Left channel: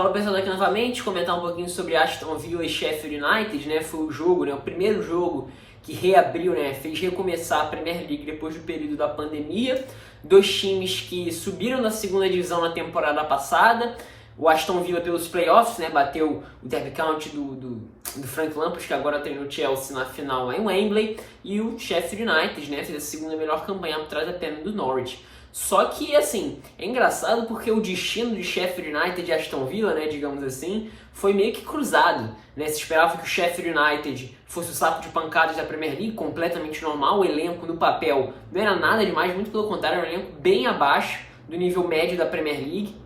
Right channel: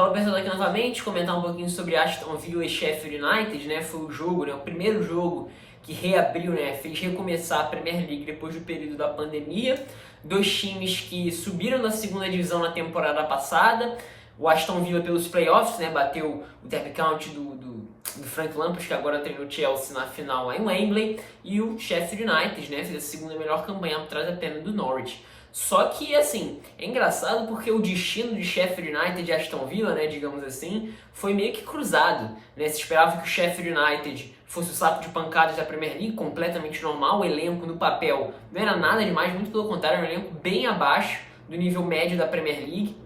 Fala pessoal aqui novamente, comentar um pouquinho sobre Aston Villa e Sheffield United, né? Foi o jogo, né? O primeiro jogo que reabriu, né? Fez recomeçar a Premier League depois do período da pandemia. Dois times que subiram da segunda divisão na temporada passada. O Aston Villa pelos playoffs, né? Bateu o Derby County do Frank Lampard, que agora treina o Chelsea na final lá em Wembley. E o Sheffield United, né? Fez a segunda melhor campanha por trás apenas do Norwich. Só que, assim, é engraçado porque o destino de Sheffield United e Aston Villa, né, digamos assim, foi meio que cruzado, né? Se esperava que o Sheffield United fosse o saco de pancadas da Premier League, completamente normal, o elenco no papel não era nada demais, muito pelo contrário, era um elenco bem abaixo do nível médio da Premier League.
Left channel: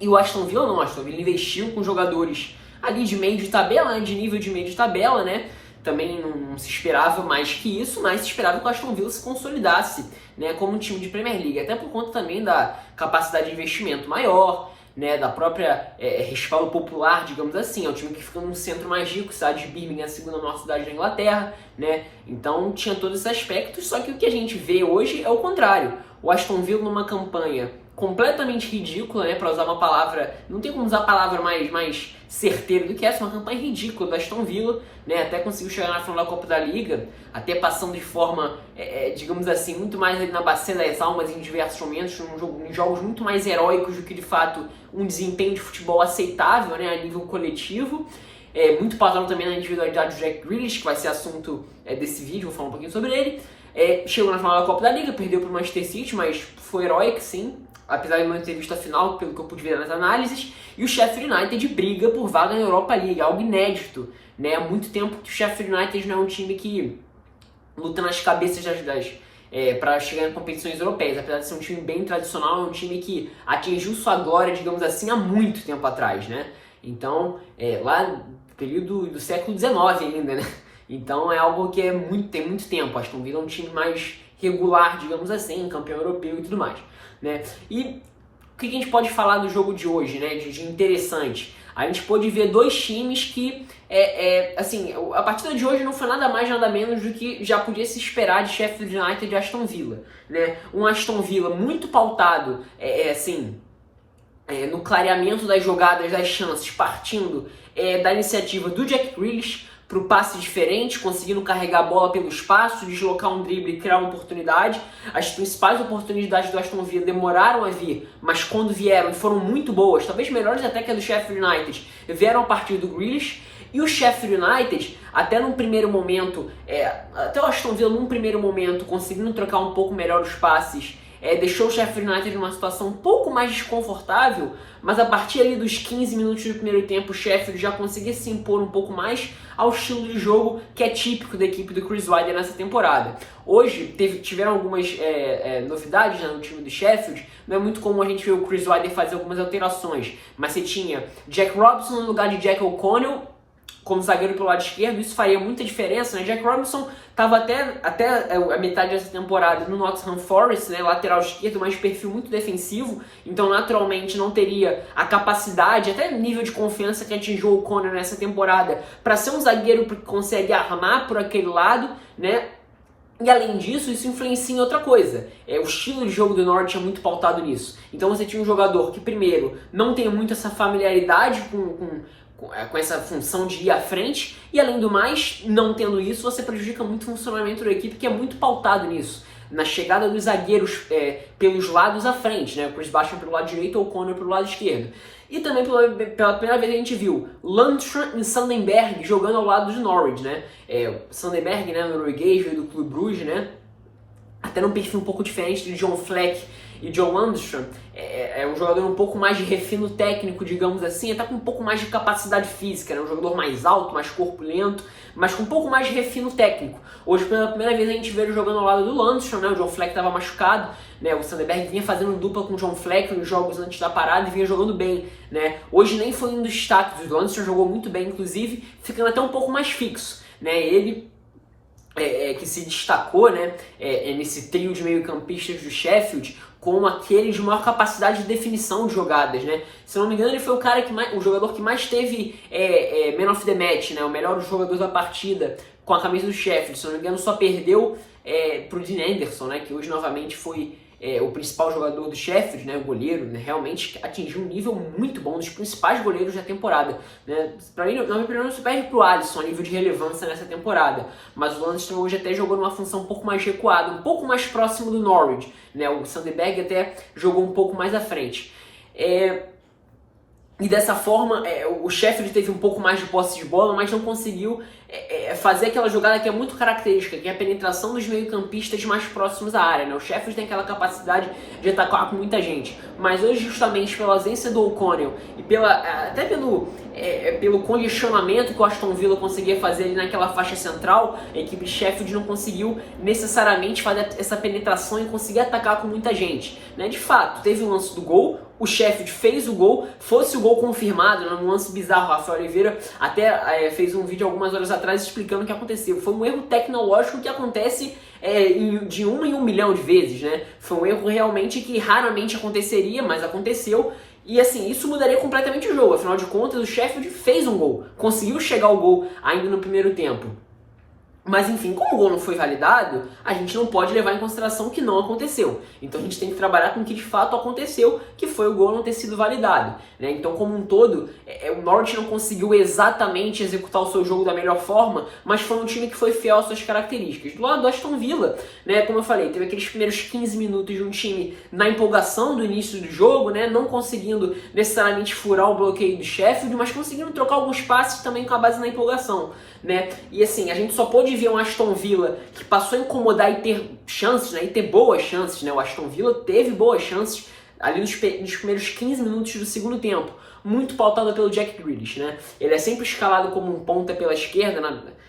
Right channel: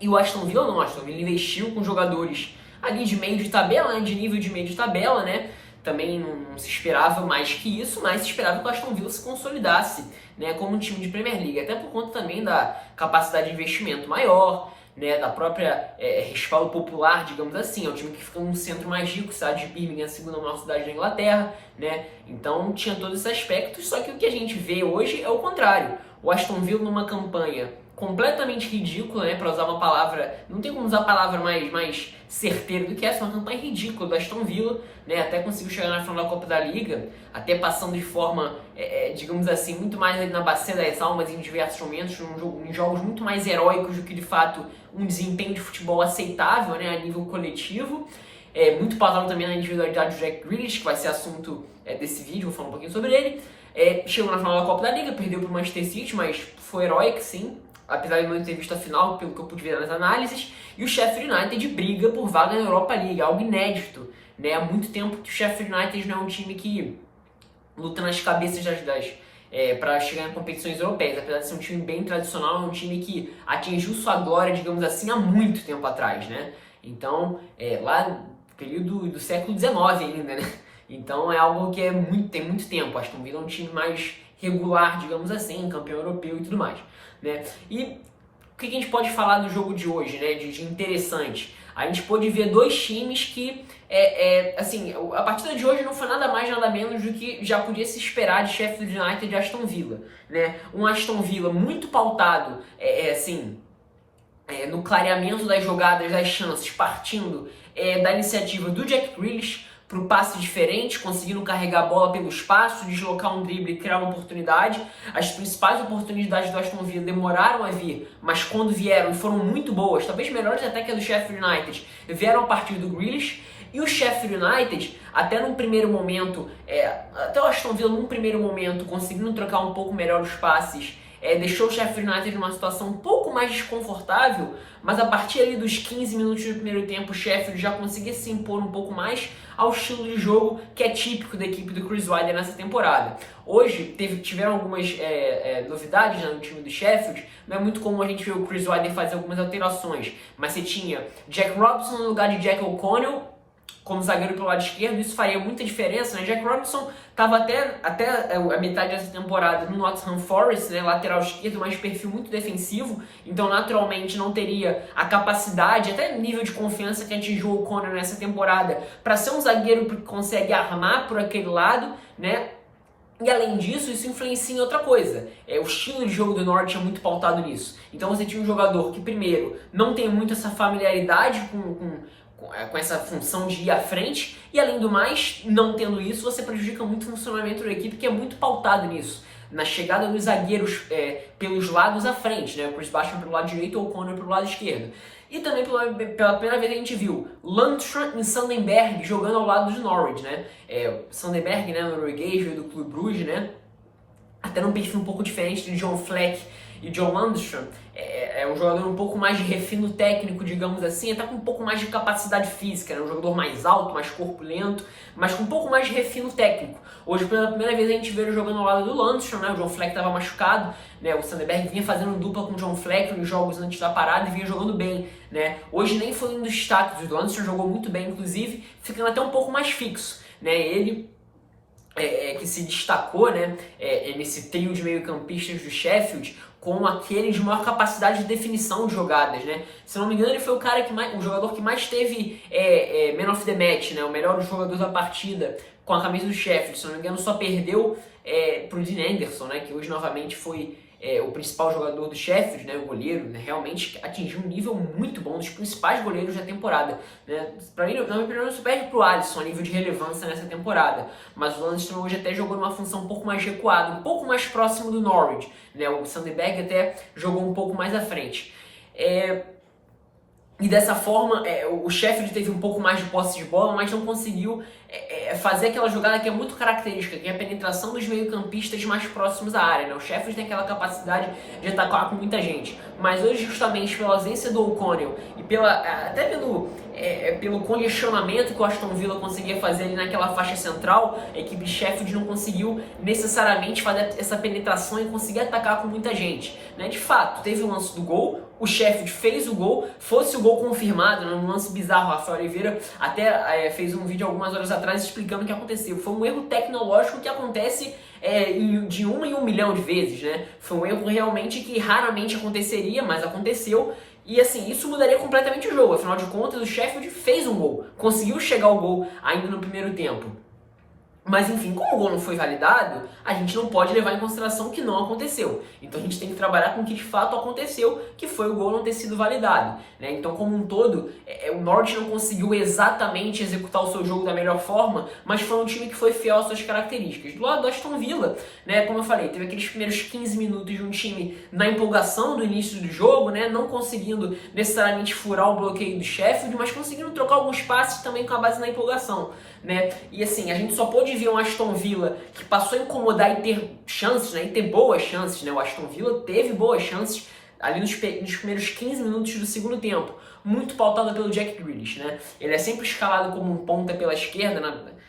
E o Aston Villa não, o Aston Villa investiu com jogadores ali de meio de tabela, né, de nível de meio de tabela, né? Também não se esperava mais que isso, mas se esperava que o Aston Villa se consolidasse, né, como um time de Premier League, até por conta também da capacidade de investimento maior, né, da própria respaldo popular, digamos assim. É um time que fica num centro mais rico, cidade de Birmingham, a segunda maior cidade da Inglaterra, né, então tinha todos esses aspectos, só que o que a gente vê hoje é o contrário. O Aston Villa numa campanha completamente ridícula, né, para usar uma palavra, não tem como usar a palavra mais certeira do que essa, uma campanha ridícula do Aston Villa, né, até conseguiu chegar na final da Copa da Liga, até passando de forma, digamos assim, muito mais ali na bacia das almas em diversos momentos, em jogos muito mais heróicos do que de fato um desempenho de futebol aceitável, né, a nível coletivo. Muito pautado também na individualidade do Jack Grealish, que vai ser assunto desse vídeo, vou falar um pouquinho sobre ele. Chegou na final da Copa da Liga, perdeu para o Manchester City, mas foi heróico, sim, apesar de não ter visto a final, pelo que eu pude ver nas análises. E o Sheffield United briga por vaga na Europa League, algo inédito, né? Há muito tempo que o Sheffield United não é um time que luta nas cabeças para chegar em competições europeias. Apesar de ser um time bem tradicional, é um time que atingiu sua glória, digamos assim, há muito tempo atrás, né? Então, lá no período do século XIX ainda, né? Então é algo que tem muito tempo. Aston Villa é um time mais regular, digamos assim, campeão europeu e tudo mais, né? E o que a gente pode falar do jogo de hoje, né? De interessante. A gente pôde ver dois times que, assim, a partida de hoje não foi nada mais, nada menos do que já podia se esperar de Sheffield United e Aston Villa, né? Um Aston Villa muito pautado, no clareamento das jogadas, das chances, partindo da iniciativa do Jack Grealish para o passe diferente, conseguindo carregar a bola pelo espaço, deslocar um drible e criar uma oportunidade. As principais oportunidades do Aston Villa demoraram a vir, mas quando vieram e foram muito boas, talvez melhores até que a do Sheffield United, vieram a partir do Grealish. E o Sheffield United, até num primeiro momento, até o Aston Villa num primeiro momento, conseguindo trocar um pouco melhor os passes, deixou o Sheffield United numa situação um pouco mais desconfortável, mas a partir ali dos 15 minutos do primeiro tempo, o Sheffield já conseguia se impor um pouco mais ao estilo de jogo que é típico da equipe do Chris Wilder nessa temporada. Hoje tiveram algumas novidades, né, no time do Sheffield. Não é muito comum a gente ver o Chris Wilder fazer algumas alterações, mas você tinha Jack Robinson no lugar de Jack O'Connell como zagueiro pelo lado esquerdo. Isso faria muita diferença, né? Jack Robinson estava até a metade dessa temporada no Nottingham Forest, né? Lateral esquerdo, mas perfil muito defensivo, então naturalmente não teria a capacidade, até nível de confiança que atingiu o O'Connell nessa temporada, para ser um zagueiro que consegue armar por aquele lado, né? E além disso, isso influencia em outra coisa. O estilo de jogo do Norwich é muito pautado nisso. Então você tinha um jogador que, primeiro, não tem muito essa familiaridade com essa função de ir à frente, e além do mais, não tendo isso, você prejudica muito o funcionamento da equipe, que é muito pautado nisso, na chegada dos zagueiros pelos lados à frente, né? O Chris Basham pelo lado direito ou o O'Connell pelo lado esquerdo. E também pela primeira vez a gente viu Lundstram e Sandenberg jogando ao lado do Norwich, né? Sandenberg, né, norueguês, veio do Clube Bruges, né? Até num perfil um pouco diferente de John Fleck e John Lundstram. É um jogador um pouco mais de refino técnico, digamos assim, até com um pouco mais de capacidade física, né? Um jogador mais alto, mais corpulento, mas com um pouco mais de refino técnico. Hoje, pela primeira vez, a gente vê ele jogando ao lado do Lundstram, né? O John Fleck estava machucado, né? O Sandenberg vinha fazendo dupla com o John Fleck nos jogos antes da parada e vinha jogando bem, né? Hoje nem foi um dos destaques, o Lundstram jogou muito bem, inclusive, ficando até um pouco mais fixo, né? Ele que se destacou, né, nesse trio de meio-campistas do Sheffield, com aquele de maior capacidade de definição de jogadas, né? Se não me engano, ele foi o jogador que mais teve Man of the Match, né, o melhor jogador da partida com a camisa do Sheffield. Se não me engano, só perdeu pro Dean Henderson, né, que hoje novamente foi o principal jogador do Sheffield, né, o goleiro, né, realmente atingiu um nível muito bom, dos principais goleiros da temporada. Né? Para mim, na minha opinião, não se perde para o Alisson a nível de relevância nessa temporada, mas o Landstrom hoje até jogou numa função um pouco mais recuada, um pouco mais próximo do Norwich. Né? O Sandberg até jogou um pouco mais à frente. E dessa forma, o Sheffield teve um pouco mais de posse de bola, mas não conseguiu fazer aquela jogada que é muito característica, que é a penetração dos meio-campistas mais próximos à área. Né? O Sheffield tem aquela capacidade de atacar com muita gente, mas hoje, justamente pela ausência do O'Connell e até pelo congestionamento que o Aston Villa conseguia fazer ali naquela faixa central, a equipe de Sheffield não conseguiu necessariamente fazer essa penetração e conseguir atacar com muita gente. Né? De fato, teve o lance do gol, o Sheffield fez o gol, fosse o gol confirmado, né, num lance bizarro. O Rafael Oliveira até fez um vídeo algumas horas atrás explicando o que aconteceu. Foi um erro tecnológico que acontece de 1 em 1 milhão de vezes, né? Foi um erro realmente que raramente aconteceria, mas aconteceu. E assim, isso mudaria completamente o jogo. Afinal de contas, o Sheffield fez um gol, conseguiu chegar ao gol ainda no primeiro tempo. Mas enfim, como o gol não foi validado, a gente não pode levar em consideração que não aconteceu. Então a gente tem que trabalhar com o que de fato aconteceu, que foi o gol não ter sido validado. Né? Então, como um todo, o Norwich não conseguiu exatamente executar o seu jogo da melhor forma, mas foi um time que foi fiel às suas características. Do lado do Aston Villa, né, como eu falei, teve aqueles primeiros 15 minutos de um time na empolgação do início do jogo, né, não conseguindo necessariamente furar o bloqueio do Sheffield, mas conseguindo trocar alguns passes também com a base na empolgação. Né? E assim, a gente só pôde ver um Aston Villa que passou a incomodar e ter chances, né? E ter boas chances, né? O Aston Villa teve boas chances ali nos primeiros 15 minutos do segundo tempo, muito pautado pelo Jack Grealish, né? Ele é sempre escalado como um ponta pela esquerda,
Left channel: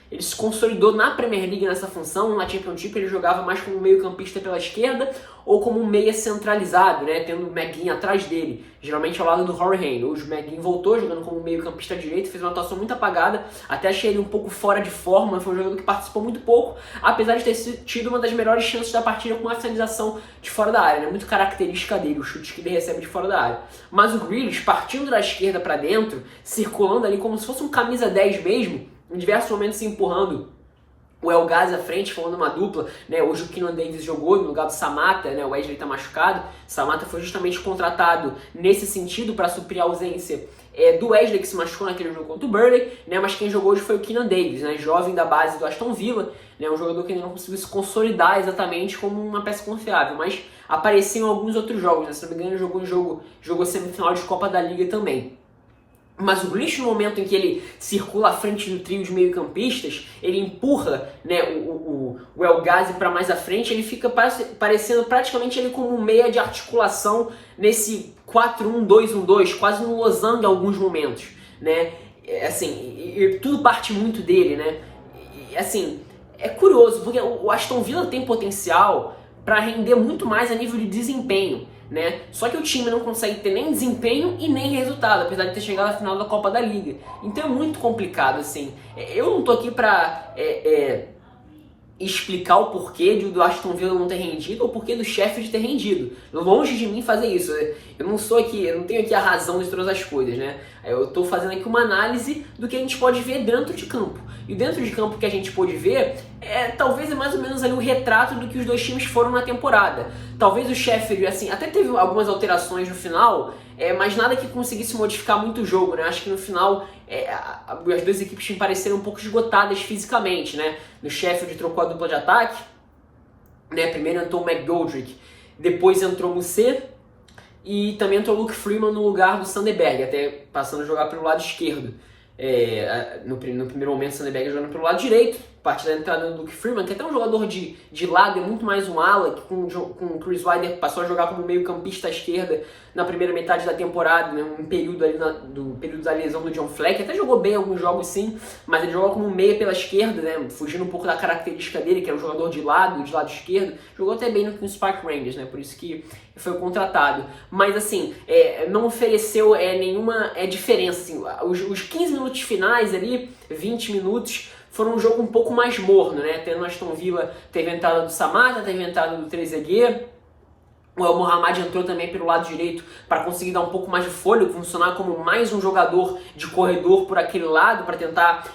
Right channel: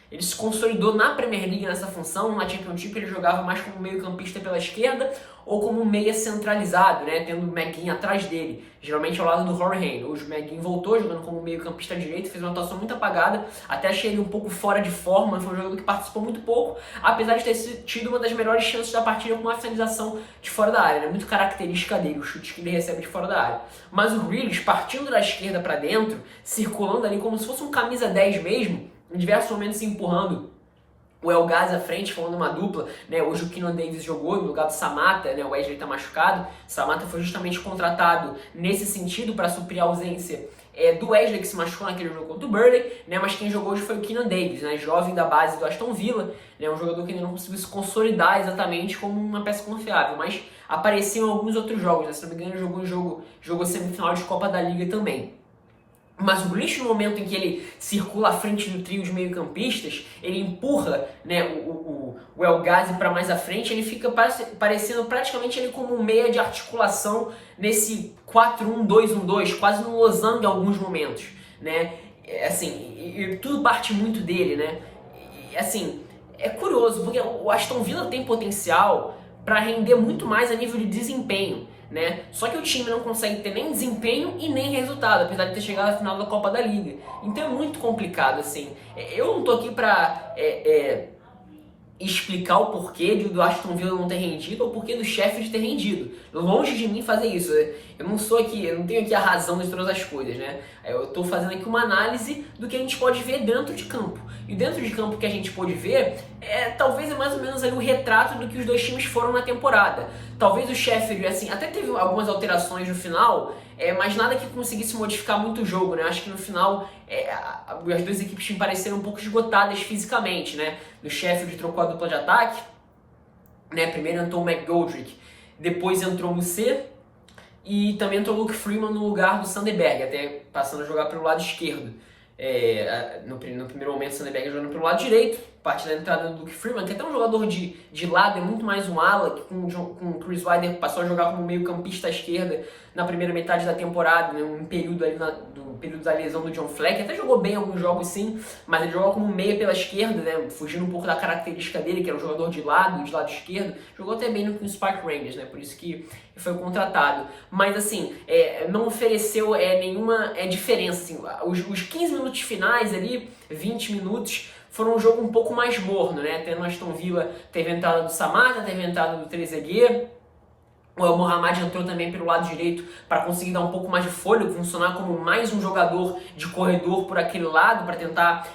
ele se consolidou na Premier League nessa função. Na Championship ele jogava mais como um meio-campista pela esquerda ou como um meia centralizado, né? Tendo o McGinn atrás dele, geralmente ao lado do Harry Kane. Hoje o McGinn voltou jogando como meio-campista direito, fez uma atuação muito apagada, até achei ele um pouco fora de forma. Foi um jogador que participou muito pouco, apesar de ter tido uma das melhores chances da partida com uma finalização de fora da área, né? Muito característica dele, o chute que ele recebe de fora da área. Mas o Grealish, partindo da esquerda para dentro, circulando ali como se fosse um camisa 10 mesmo, em diversos momentos se empurrando o El Ghazi à frente, formando uma dupla, né? Hoje o Keenan Davis jogou no lugar do Samatta, né? O Wesley está machucado. Samatta foi justamente contratado nesse sentido para suprir a ausência do Wesley, que se machucou naquele jogo contra o Burnley, né? Mas quem jogou hoje foi o Keenan Davis, né? Jovem da base do Aston Villa, né? Um jogador que ainda não conseguiu se consolidar exatamente como uma peça confiável, mas apareceu em alguns outros jogos, né? Se não me engano, jogou semifinal de Copa da Liga também. Mas o Grealish, no momento em que ele circula à frente do trio de meio-campistas, ele empurra, né, o El Ghazi para mais à frente, ele fica parecendo praticamente ele como um meia de articulação nesse 4-1-2-1-2, quase no losango em alguns momentos, né? Assim, e tudo parte muito dele, né? E, assim, é curioso, porque o Aston Villa tem potencial para render muito mais a nível de desempenho, né? Só que o time não consegue ter nem desempenho e nem resultado, apesar de ter chegado à final da Copa da Liga. Então é muito complicado, assim. Eu não tô aqui para explicar o porquê do Aston Villa não ter rendido ou o porquê do Sheffield ter rendido. Longe de mim fazer isso. Eu não tenho aqui a razão de todas as coisas, né? Eu estou fazendo aqui uma análise do que a gente pode ver dentro de campo. E dentro de campo que a gente pôde ver, talvez é mais ou menos ali o retrato do que os dois times foram na temporada. Talvez o Sheffield, assim, até teve algumas alterações no final, mas nada que conseguisse modificar muito o jogo, né? Acho que no final as duas equipes me pareceram um pouco esgotadas fisicamente, né? No Sheffield trocou a dupla de ataque, né? Primeiro entrou o McGoldrick, depois entrou o Musset e também entrou o Luke Freeman no lugar do Sandberg, até passando a jogar pelo lado esquerdo. No primeiro momento o Sandberg jogando pelo lado direito, a partir da entrada do Luke Freeman, que é até um jogador de lado, é muito mais um ala, que com o Chris Wilder passou a jogar como meio campista à esquerda na primeira metade da temporada, né, um período ali do período da lesão do John Fleck. Até jogou bem alguns jogos sim, mas ele jogou como meia pela esquerda, né, fugindo um pouco da característica dele, que era um jogador de lado esquerdo. Jogou até bem no Spark Rangers, né, por isso que foi contratado. Mas assim, não ofereceu nenhuma diferença. Assim, os 15 minutos finais ali, 20 minutos, foram um jogo um pouco mais morno, né? Até no Aston Villa teve a entrada do Samatta, teve a entrada do Trezeguet, O El Mohamed entrou também pelo lado direito para conseguir dar um pouco mais de fôlego, funcionar como mais um jogador de corredor por aquele lado, para tentar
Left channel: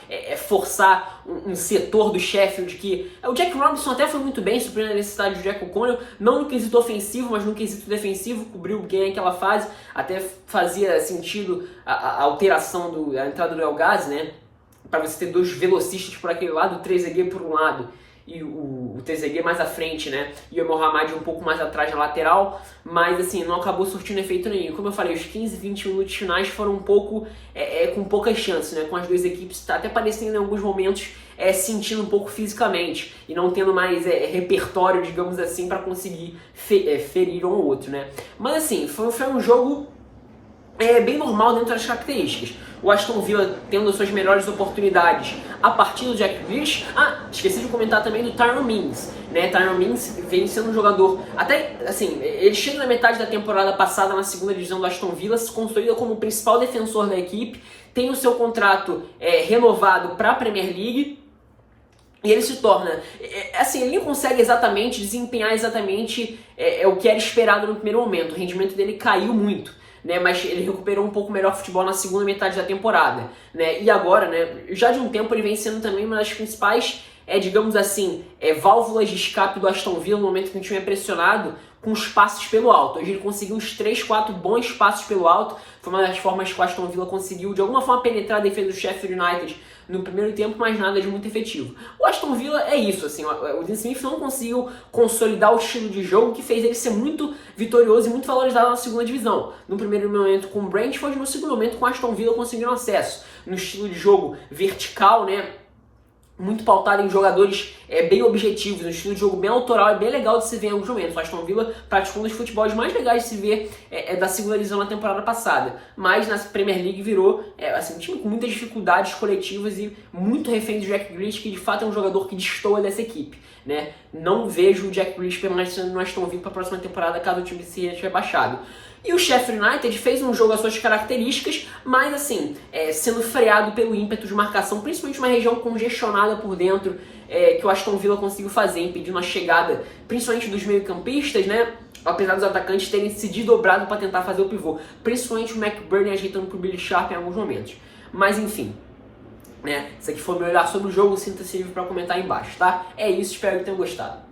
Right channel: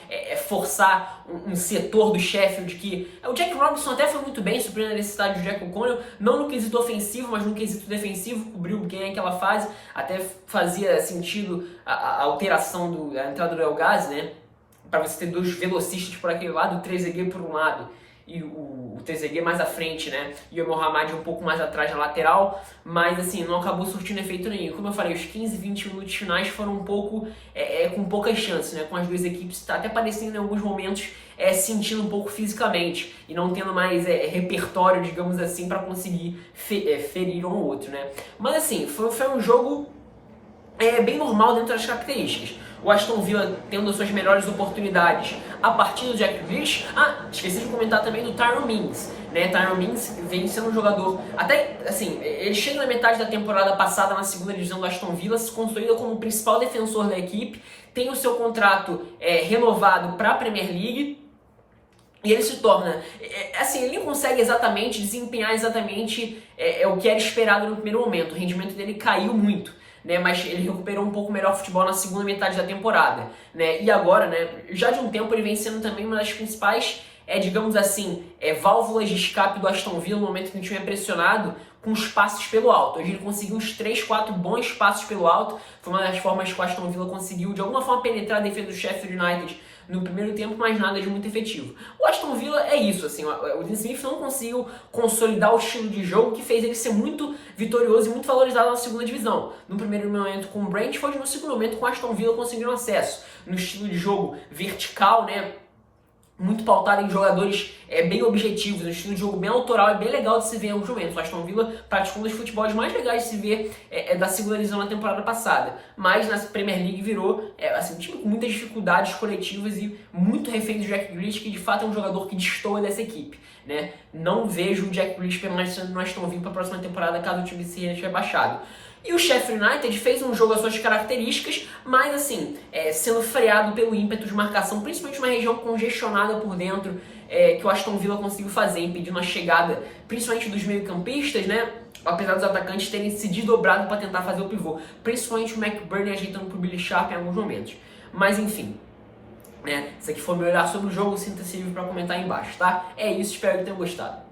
forçar um setor do Sheffield que... O Jack Robinson até foi muito bem, suprindo a necessidade do Jack O'Connell, não no quesito ofensivo, mas no quesito defensivo, cobriu bem aquela fase, até fazia sentido a alteração da entrada do El Ghazi, né? Para você ter dois velocistas por aquele lado, o Trezeguet por um lado e o Trezeguet mais à frente, né? E o Mohamed um pouco mais atrás na lateral, mas assim, não acabou surtindo efeito nenhum. Como eu falei, os 15, 20 minutos finais foram um pouco com poucas chances, né? Com as duas equipes até parecendo em alguns momentos sentindo um pouco fisicamente e não tendo mais repertório, digamos assim, para conseguir ferir um ou outro, né? Mas assim, foi um jogo bem normal dentro das características. O Aston Villa tendo suas melhores oportunidades a partir do Jack Grealish. Esqueci de comentar também do Tyrone Mings, né? Tyrone Mings vem sendo um jogador, até assim, ele chega na metade da temporada passada na segunda divisão do Aston Villa, se consolida como o principal defensor da equipe, tem o seu contrato renovado para a Premier League. E ele se torna, assim, ele não consegue exatamente desempenhar exatamente o que era esperado no primeiro momento. O rendimento dele caiu muito, né? Mas ele recuperou um pouco melhor o futebol na segunda metade da temporada, né? E agora, né, já de um tempo ele vem sendo também uma das principais, digamos assim, válvulas de escape do Aston Villa no momento que o time é pressionado com os passes pelo alto. Hoje ele conseguiu uns 3, 4 bons passes pelo alto. Foi uma das formas que o Aston Villa conseguiu, de alguma forma, penetrar a defesa do Sheffield United no primeiro tempo, mas nada de muito efetivo. O Aston Villa é isso, assim, o Dean Smith não conseguiu consolidar o estilo de jogo que fez ele ser muito vitorioso e muito valorizado na segunda divisão. No primeiro momento com o Brentford, no segundo momento com o Aston Villa conseguindo acesso. No estilo de jogo vertical, né? Muito pautado em jogadores bem objetivos, um estilo de jogo bem autoral, é bem legal de se ver em alguns momentos. O Aston Villa praticou um dos futebols mais legais de se ver da segunda divisão na temporada passada, mas na Premier League virou assim, um time com muitas dificuldades coletivas e muito refém do Jack Grealish, que de fato é um jogador que destoa dessa equipe, né? Não vejo o Jack Grealish permanecendo no Aston Villa para a próxima temporada caso o time se rebaixado. E o Sheffield United fez um jogo às suas características, mas assim, sendo freado pelo ímpeto de marcação, principalmente uma região congestionada por dentro, que o Aston Villa conseguiu fazer, impedindo a chegada, principalmente dos meio-campistas, né? Apesar dos atacantes terem se desdobrado para tentar fazer o pivô, principalmente o McBurnie ajeitando para o Billy Sharp em alguns momentos. Mas enfim, né? Esse aqui foi o meu olhar sobre o jogo, sinta-se livre para comentar aí embaixo, tá? É isso, espero que tenham gostado.